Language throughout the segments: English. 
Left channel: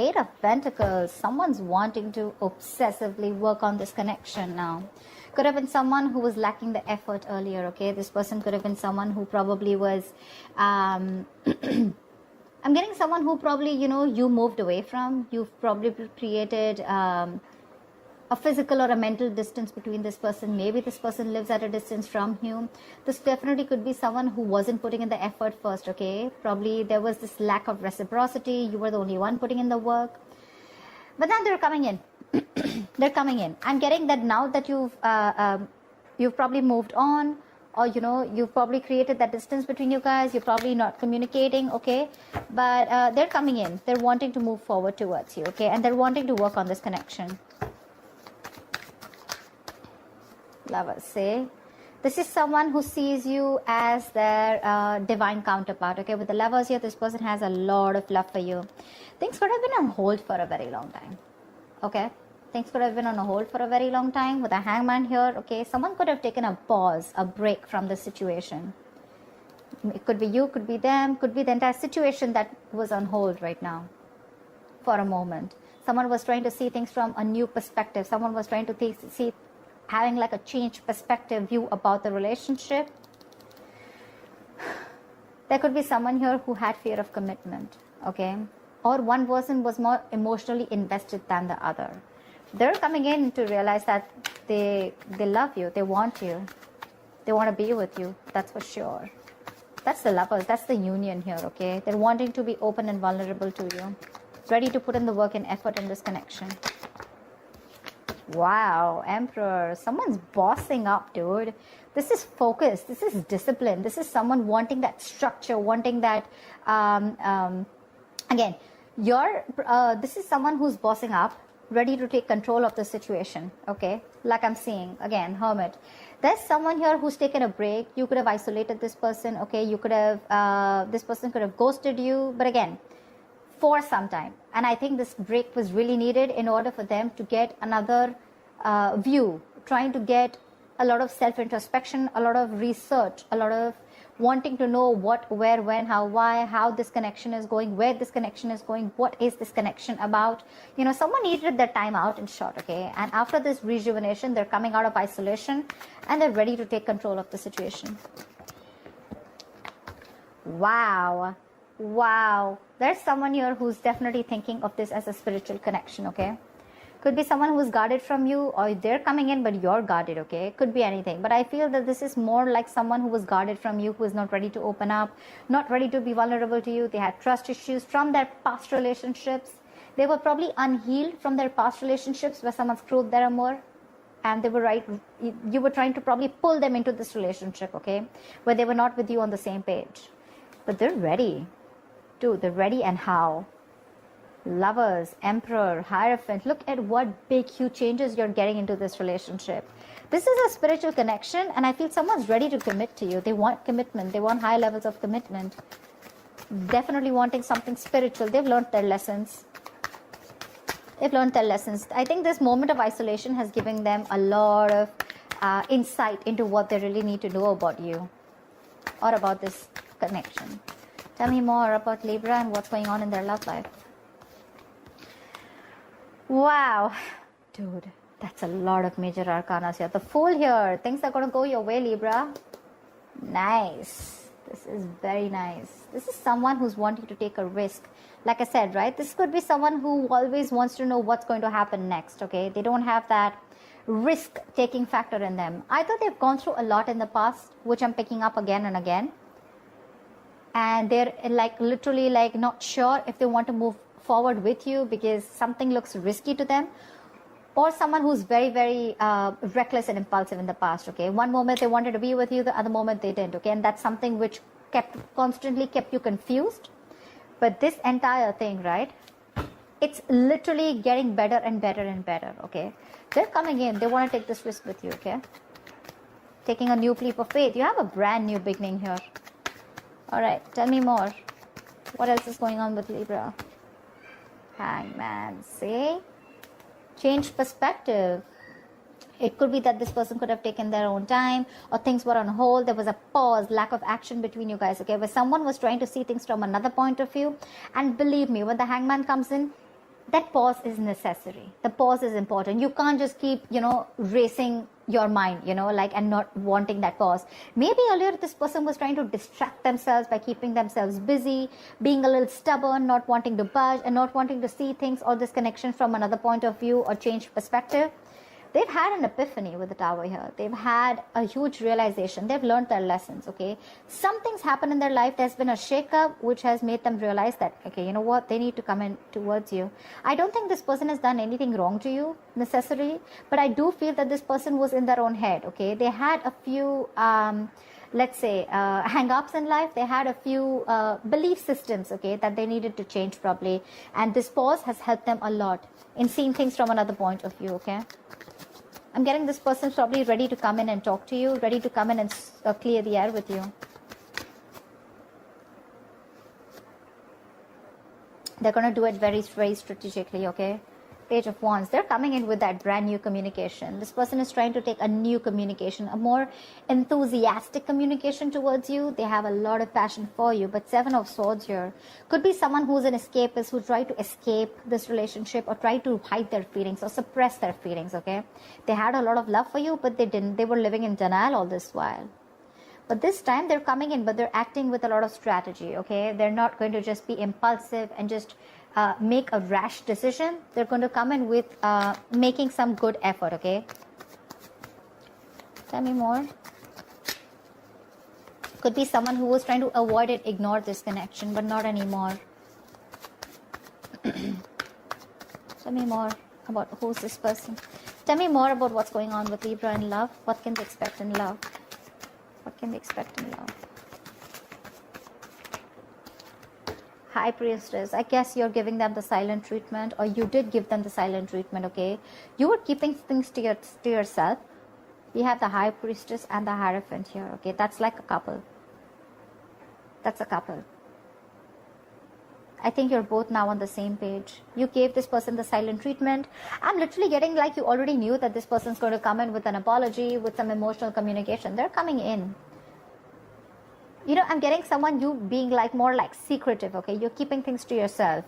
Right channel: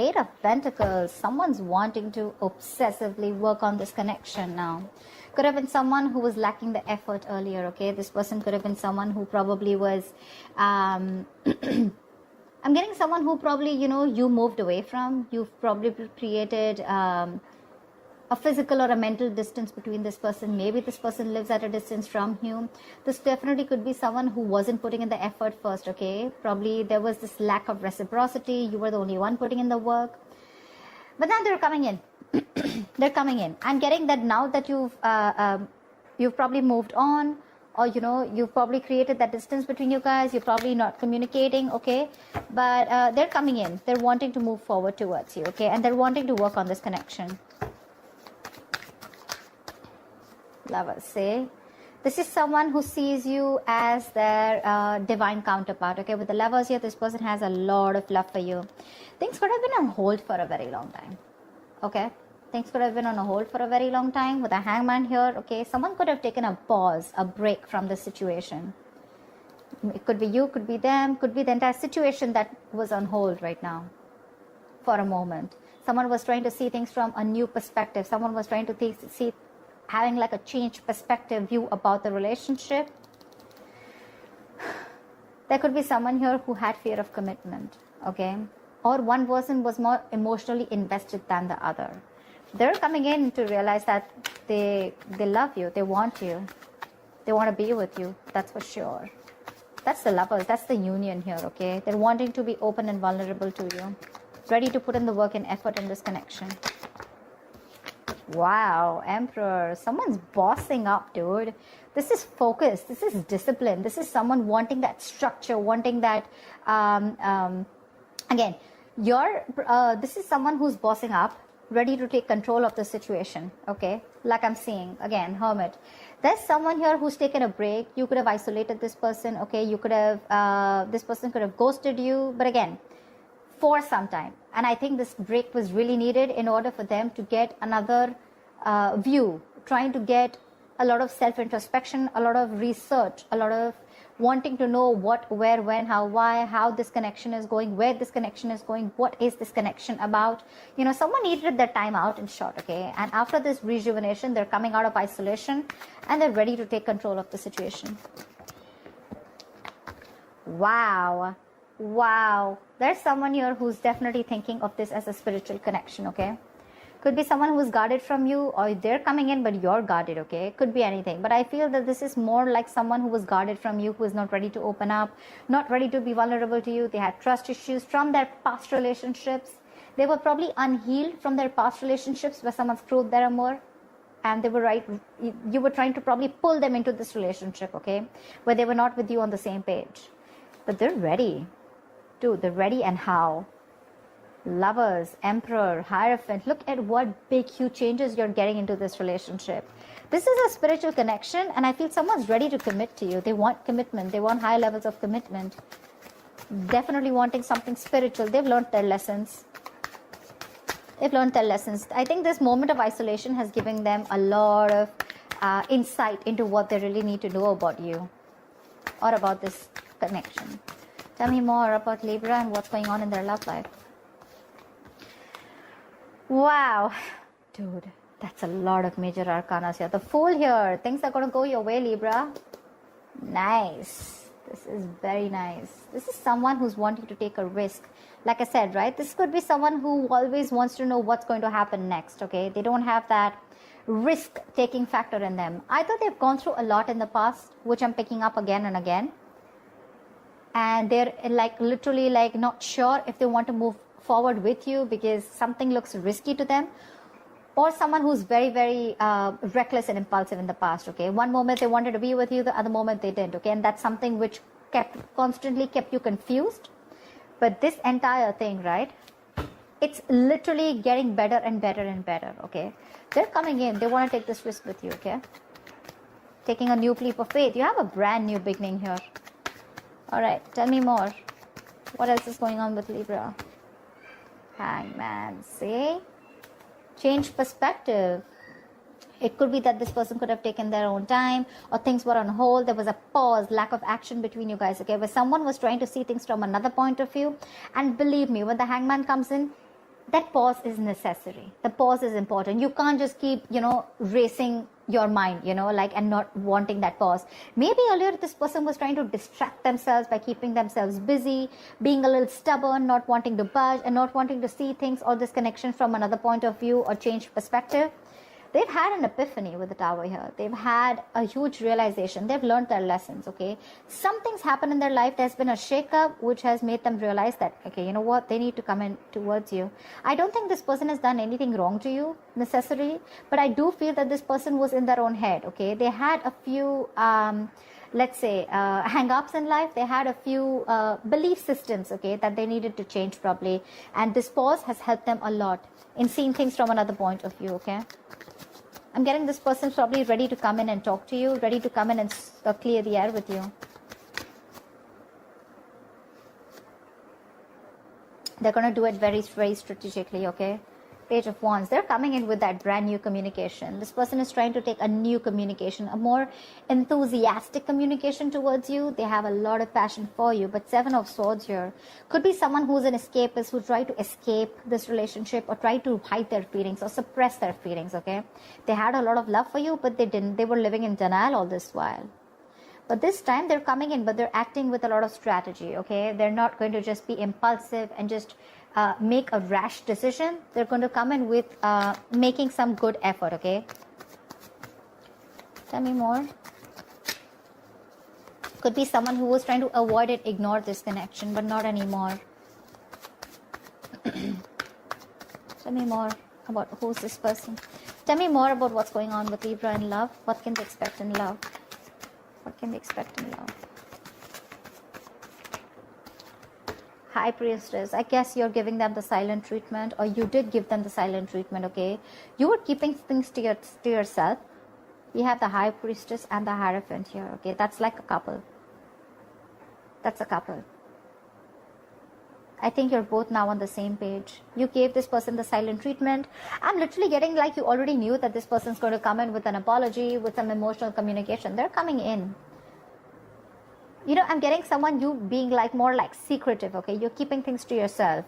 8 of Pentacles. Someone's wanting to obsessively work on this connection now. Could have been someone who was lacking the effort earlier, okay? This person could have been someone who probably was, I'm getting someone who probably, you moved away from. You've probably created a physical or a mental distance between this person. Maybe this person lives at a distance from you. This definitely could be someone who wasn't putting in the effort first, okay? Probably there was this lack of reciprocity. You were the only one putting in the work. But then they're coming in. They're coming in. I'm getting that now that you've probably moved on, or you've probably created that distance between you guys. You're probably not communicating, okay? But they're coming in. They're wanting to move forward towards you, okay? And they're wanting to work on this connection. Lovers, sale. This is someone who sees you as their divine counterpart, okay? With the Lovers here, this person has a lot of love for you. Things could have been on hold for a very long time, okay? Things could have been on hold for a very long time. With a Hangman here, okay? Someone could have taken a pause, a break from this situation. It could be you, could be them, could be the entire situation that was on hold right now for a moment. Someone was trying to see things from a new perspective. Someone was trying to see having like a changed perspective view about the relationship. There could be someone here who had fear of commitment, okay? Or one person was more emotionally invested than the other. They're coming in to realize that they love you, they want you, they want to be with you, that's for sure. That's the Lovers, that's the union here, okay? They're wanting to be open and vulnerable to you, ready to put in the work and effort in this connection. Wow, Emperor. Someone's bossing up, dude. This is focus. This is discipline. This is someone wanting that structure, wanting that, again, this is someone who's bossing up, ready to take control of the situation, okay? Like I'm seeing, again, Hermit. There's someone here who's taken a break. You could have isolated this person, okay? You could have, this person could have ghosted you, but again, for some time. And I think this break was really needed in order for them to get another view, trying to get a lot of self-introspection, a lot of research, a lot of wanting to know what, where, when, how, why, how this connection is going, where this connection is going, what is this connection about. Someone needed their time out, in short, okay? And after this rejuvenation, they're coming out of isolation and they're ready to take control of the situation. Wow. Wow. There's someone here who's definitely thinking of this as a spiritual connection, okay? Could be someone who's guarded from you, or they're coming in but you're guarded, okay? Could be anything. But I feel that this is more like someone who was guarded from you, who is not ready to open up, not ready to be vulnerable to you. They had trust issues from their past relationships. They were probably unhealed from their past relationships where someone screwed their amour. They were right. You were trying to probably pull them into this relationship, okay? But they were not with you on the same page. But they're ready. Dude, they're ready, and how? Lovers, Emperor, Hierophant. Look at what big, huge changes you're getting into this relationship. This is a spiritual connection, and I feel someone's ready to commit to you. They want commitment. They want high levels of commitment. Definitely wanting something spiritual. They've learned their lessons. They've learned their lessons. I think this moment of isolation has given them a lot of insight into what they really need to know about you or about this connection. Tell me more about Libra and what's going on in their love life. Wow. Dude, that's a lot of major arcanas here. The Fool here. Things are going to go your way, Libra. Nice. This is very nice. This is someone who's wanting to take a risk. Like I said, right? This could be someone who always wants to know what's going to happen next, okay? They don't have that risk-taking factor in them. Either they've gone through a lot in the past, which I'm picking up again and again, and they're like literally like not sure if they want to move forward with you because something looks risky to them, or someone who's very, very reckless and impulsive in the past, okay? One moment they wanted to be with you, the other moment they didn't, okay? And that's something which constantly kept you confused. But this entire thing, right, it's literally getting better and better and better, okay? They're coming in, they want to take this risk with you, okay? Taking a new leap of faith. You have a brand new beginning here. All right, tell me more. What else is going on with Libra? Hangman, see? Change perspective. It could be that this person could have taken their own time, or things were on hold. There was a pause, lack of action between you guys, okay? Where someone was trying to see things from another point of view. And believe me, when the Hangman comes in, that pause is necessary. The pause is important. You can't just keep, racing your mind, like, and not wanting that pause. Maybe earlier this person was trying to distract themselves by keeping themselves busy, being a little stubborn, not wanting to budge, and not wanting to see things or this connection from another point of view or change perspective. They've had an epiphany with the Tower here. They've had a huge realization. They've learned their lessons, okay? Something's happened in their life. There's been a shakeup which has made them realize that, okay, you know what? They need to come in towards you. I don't think this person has done anything wrong to you, necessarily, but I do feel that this person was in their own head, okay? They had a few, let's say, hang-ups in life. They had a few belief systems, okay, that they needed to change probably. And this pause has helped them a lot in seeing things from another point of view, okay? I'm getting this person probably ready to come in and talk to you, ready to come in and clear the air with you. They're going to do it very, very strategically, okay? Page of Wands. They're coming in with that brand new communication. This person is trying to take a new communication, a more enthusiastic communication towards you. They have a lot of passion for you. But Seven of Swords here could be someone who's an escapist, who tried to escape this relationship or try to hide their feelings or suppress their feelings, okay? They had a lot of love for you, but they didn't. They were living in denial all this while. But this time they're coming in, but they're acting with a lot of strategy, okay? They're not going to just be impulsive and just make a rash decision. They're going to come in with making some good effort, okay? Tell me more. Could be someone who was trying to avoid it, ignore this connection, but not anymore. Tell me more about who's this person. Tell me more about what's going on with Libra in love. What can they expect in love? What can they expect in love? High Priestess. I guess you're giving them the silent treatment, or you did give them the silent treatment, okay? You were keeping things to yourself. You have the High Priestess and the Hierophant here, okay? That's like a couple. That's a couple. I think you're both now on the same page. You gave this person the silent treatment. I'm literally getting like you already knew that this person's going to come in with an apology, with some emotional communication. They're coming in. I'm getting someone, you being like more like secretive, okay? You're keeping things to yourself.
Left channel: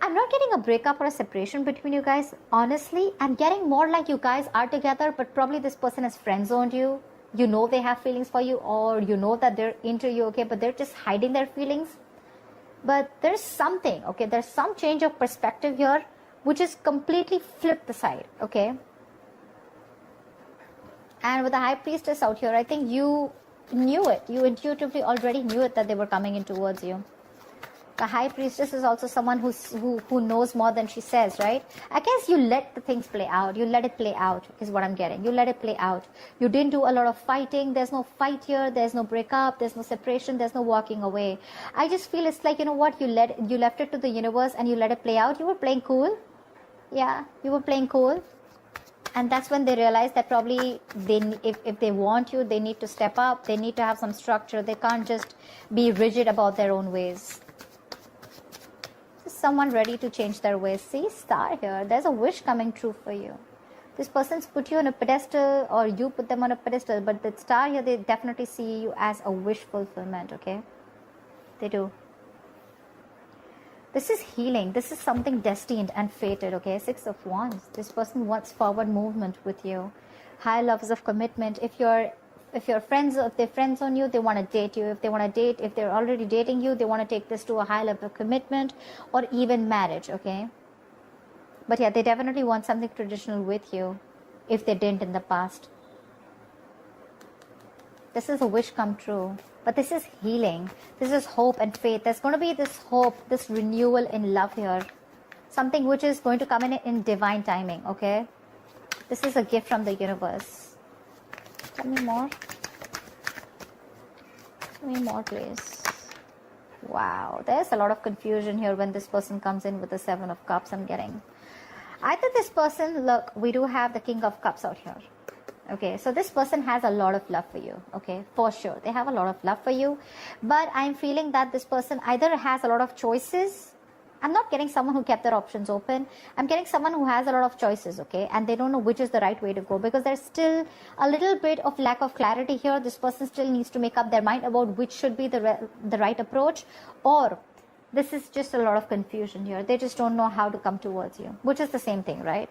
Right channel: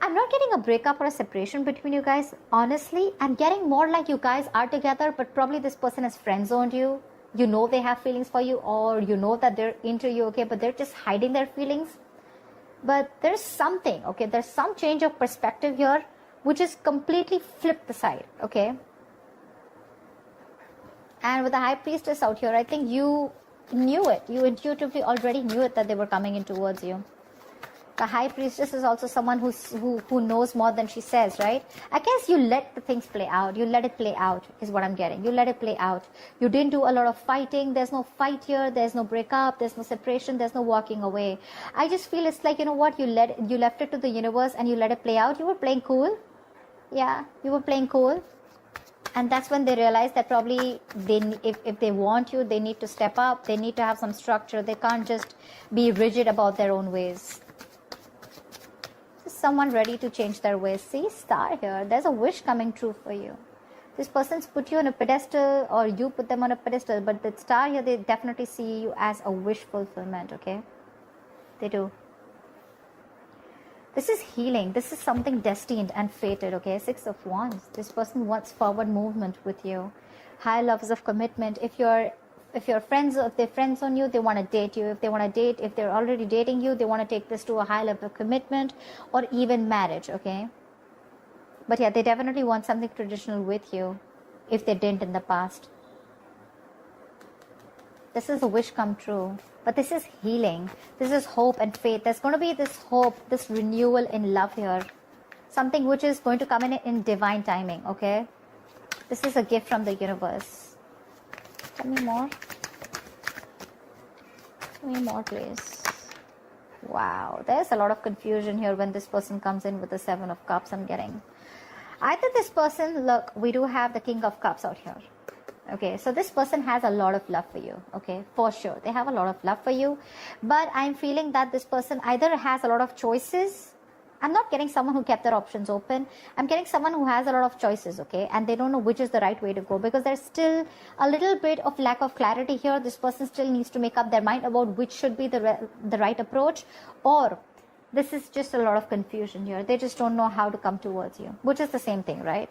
I'm not getting a breakup or a separation between you guys. Honestly, I'm getting more like you guys are together, but probably this person has friend-zoned you. You know they have feelings for you, or you know that they're into you, okay? But they're just hiding their feelings. But there's something, okay? There's some change of perspective here, which is completely flipped the side, okay? And with the High Priestess out here, I think you knew it. You intuitively already knew it that they were coming in towards you. The High Priestess is also someone who knows more than she says, right? I guess you let the things play out. You let it play out is what I'm getting. You let it play out. You didn't do a lot of fighting. There's no fight here. There's no breakup. There's no separation. There's no walking away. I just feel it's like, you know what? You left it to the universe and you let it play out. You were playing cool. Yeah, you were playing cool. And that's when they realize that probably if they want you, they need to step up. They need to have some structure. They can't just be rigid about their own ways. Just someone ready to change their ways. See, star here. There's a wish coming true for you. This person's put you on a pedestal, or you put them on a pedestal. But the star here, they definitely see you as a wish fulfillment, okay? They do. This is healing. This is something destined and fated, okay? Six of Wands. This person wants forward movement with you. High levels of commitment. If they're friends on you, they want to date you. If they're already dating you, they want to take this to a high level of commitment or even marriage, okay? But yeah, they definitely want something traditional with you if they didn't in the past. This is a wish come true. But this is healing. This is hope and faith. There's going to be this hope, this renewal in love here. Something which is going to come in divine timing, okay? This is a gift from the universe. Tell me more. Tell me more, please. Wow. There's a lot of confusion here when this person comes in with the Seven of Cups I'm getting. Either this person, look, we do have the King of Cups out here. Okay, so this person has a lot of love for you, okay, for sure. They have a lot of love for you, but I'm feeling that this person either has a lot of choices. I'm not getting someone who kept their options open. I'm getting someone who has a lot of choices, okay, and they don't know which is the right way to go because there's still a little bit of lack of clarity here. This person still needs to make up their mind about which should be the right approach, or this is just a lot of confusion here. They just don't know how to come towards you, which is the same thing, right?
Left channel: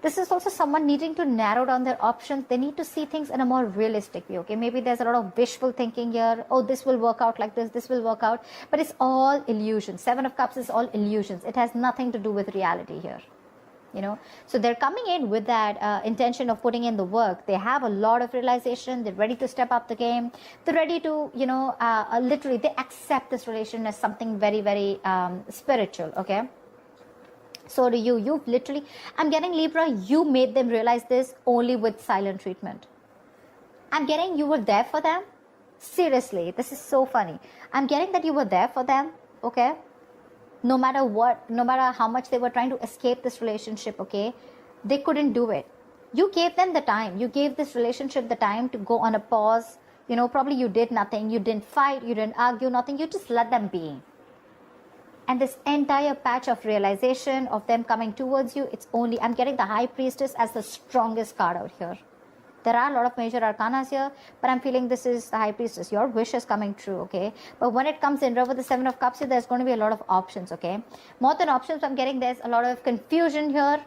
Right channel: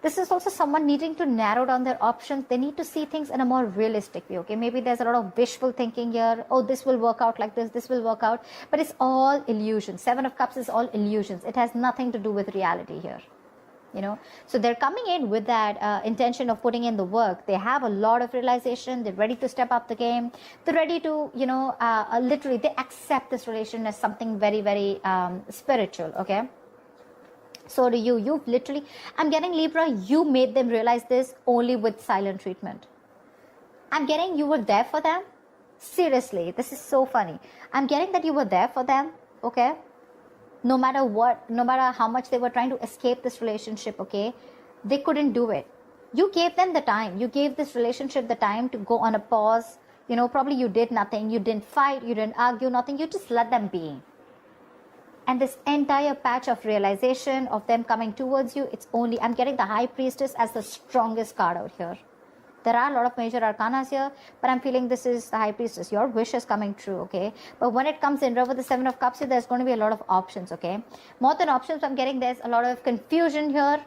This is also someone needing to narrow down their options. They need to see things in a more realistic way, okay? Maybe there's a lot of wishful thinking here. Oh, this will work out like this will work out. But it's all illusion. Seven of Cups is all illusions. It has nothing to do with reality here, you know? So they're coming in with that intention of putting in the work. They have a lot of realization. They're ready to step up the game. They're ready to, you know, literally, they accept this relation as something very, very spiritual, okay? So do you. You've literally, I'm getting Libra, you made them realize this only with silent treatment. I'm getting you were there for them. Seriously, this is so funny. I'm getting that you were there for them, okay? No matter what, no matter how much they were trying to escape this relationship, okay? They couldn't do it. You gave them the time. You gave this relationship the time to go on a pause. You know, probably you did nothing. You didn't fight. You didn't argue, nothing. You just let them be. And this entire patch of realization of them coming towards you, it's only, I'm getting the High Priestess as the strongest card out here. There are a lot of major arcanas here, but I'm feeling this is the High Priestess. Your wish is coming true, okay? But when it comes in with the Seven of Cups here, there's going to be a lot of options, okay? More than options, I'm getting there's a lot of confusion here.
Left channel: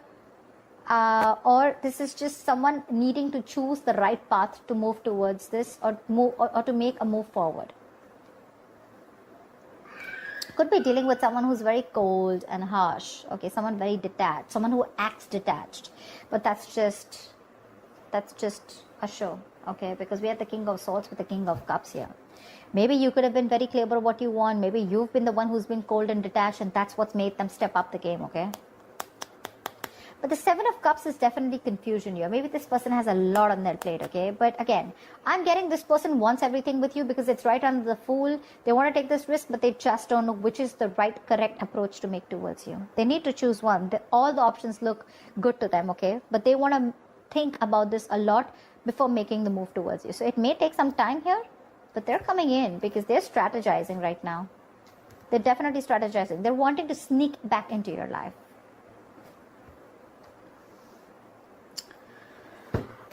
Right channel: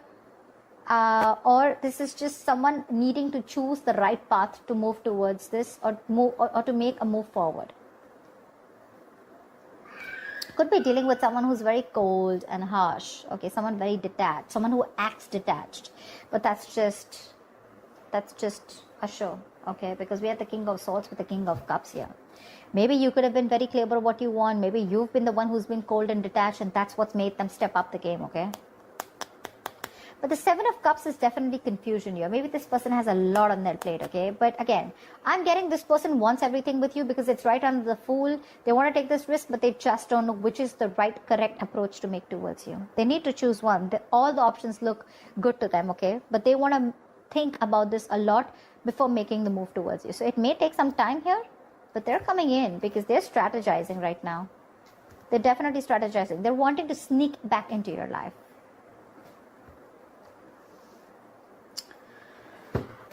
Or this is just someone needing to choose the right path to move towards this or move or to make a move forward. Could be dealing with someone who's very cold and harsh, okay? Someone very detached, someone who acts detached. But that's just a show, okay? Because we have the King of Swords with the King of Cups here. Maybe you could have been very clear about what you want. Maybe you've been the one who's been cold and detached, and that's what's made them step up the game, okay? But the Seven of Cups is definitely confusion here. Maybe this person has a lot on their plate, okay? But again, I'm getting this person wants everything with you because it's right on the Fool. They want to take this risk, but they just don't know which is the right, correct approach to make towards you. They need to choose one. All the options look good to them, okay? But they want to think about this a lot before making the move towards you. So it may take some time here, but they're coming in because they're strategizing right now. They're definitely strategizing. They're wanting to sneak back into your life.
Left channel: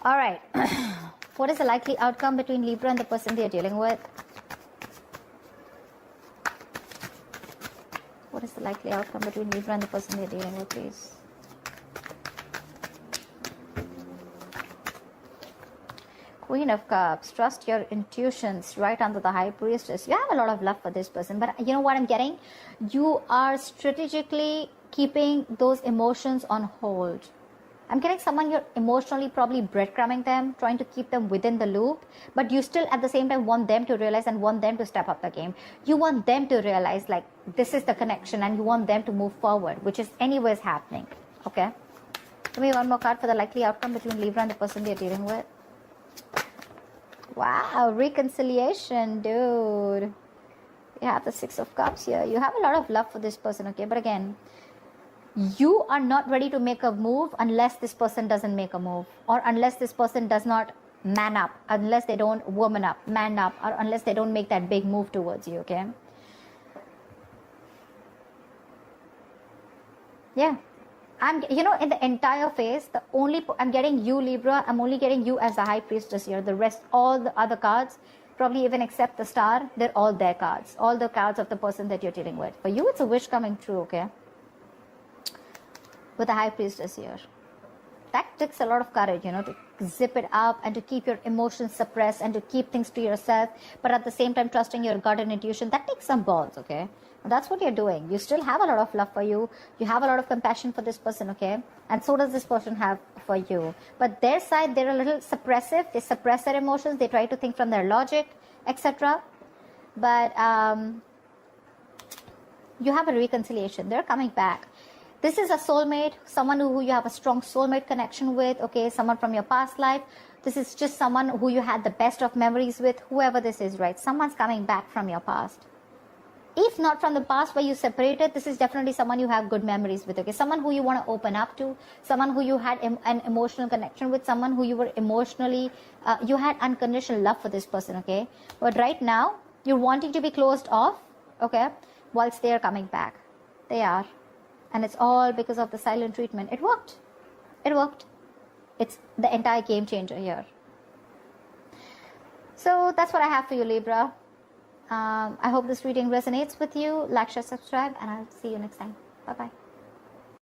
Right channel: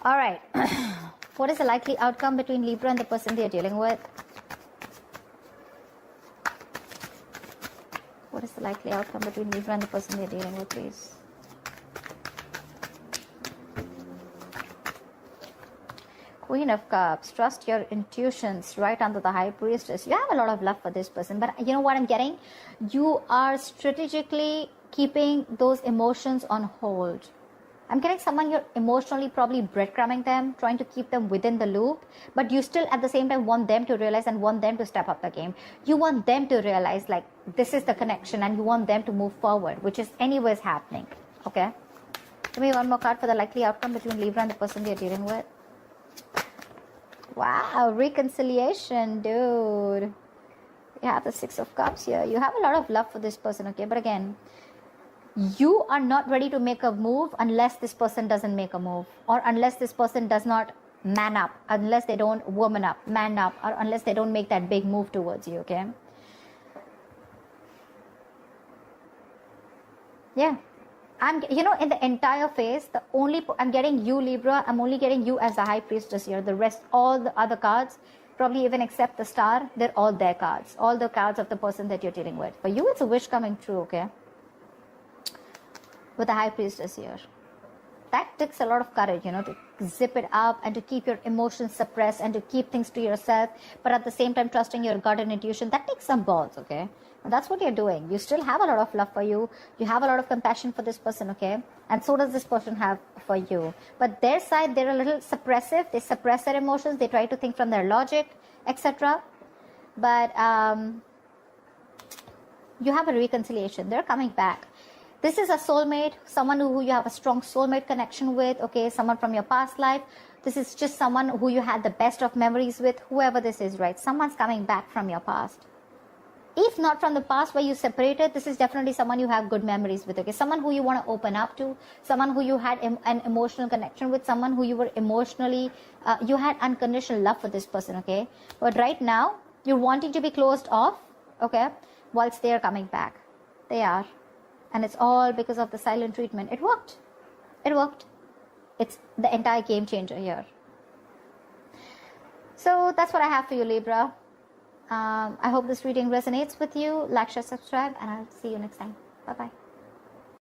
All right. What is the likely outcome between Libra and the person they are dealing with? What is the likely outcome between Libra and the person they are dealing with, please? Queen of Cups. Trust your intuitions. Right under the High Priestess. You have a lot of love for this person. But you know what I'm getting? You are strategically keeping those emotions on hold. I'm getting someone you're emotionally probably breadcrumbing them, trying to keep them within the loop, but you still at the same time want them to realize and want them to step up the game. You want them to realize like this is the connection and you want them to move forward, which is anyways happening. Okay? Give me one more card for the likely outcome between Libra and the person you're dealing with. Wow, reconciliation, dude. You have the Six of Cups here. You have a lot of love for this person, okay? But again, you are not ready to make a move unless this person doesn't make a move, or unless this person does not man up, unless they don't woman up, man up, or unless they don't make that big move towards you, okay? Yeah. And you know, in the entire phase, I'm getting you, Libra, I'm only getting you as the High Priestess here. The rest, all the other cards, probably even except the Star, they're all their cards. All the cards of the person that you're dealing with. For you, it's a wish coming true, okay? With the High Priestess here. That takes a lot of courage, you know, to zip it up and to keep your emotions suppressed and to keep things to yourself, but at the same time trusting your gut and intuition. That takes some balls, okay? That's what you're doing. You still have a lot of love for you. You have a lot of compassion for this person, okay? And so does this person have for you. But their side, they're a little suppressive. They suppress their emotions. They try to think from their logic, etc. But you have a reconciliation. They're coming back. This is a soulmate, someone who you have a strong soulmate connection with, okay, someone from your past life. This is just someone who you had the best of memories with, whoever this is, right? Someone's coming back from your past. If not from the past where you separated, this is definitely someone you have good memories with, okay? Someone who you want to open up to, someone who you had an emotional connection with, someone who you were emotionally, you had unconditional love for this person, okay? But right now, you're wanting to be closed off, okay, whilst they're coming back. They are. And it's all because of the silent treatment. It worked. It worked. It's the entire game changer here. So that's what I have for you, Libra. I hope this reading resonates with you. Like, share, subscribe, and I'll see you next time. Bye bye.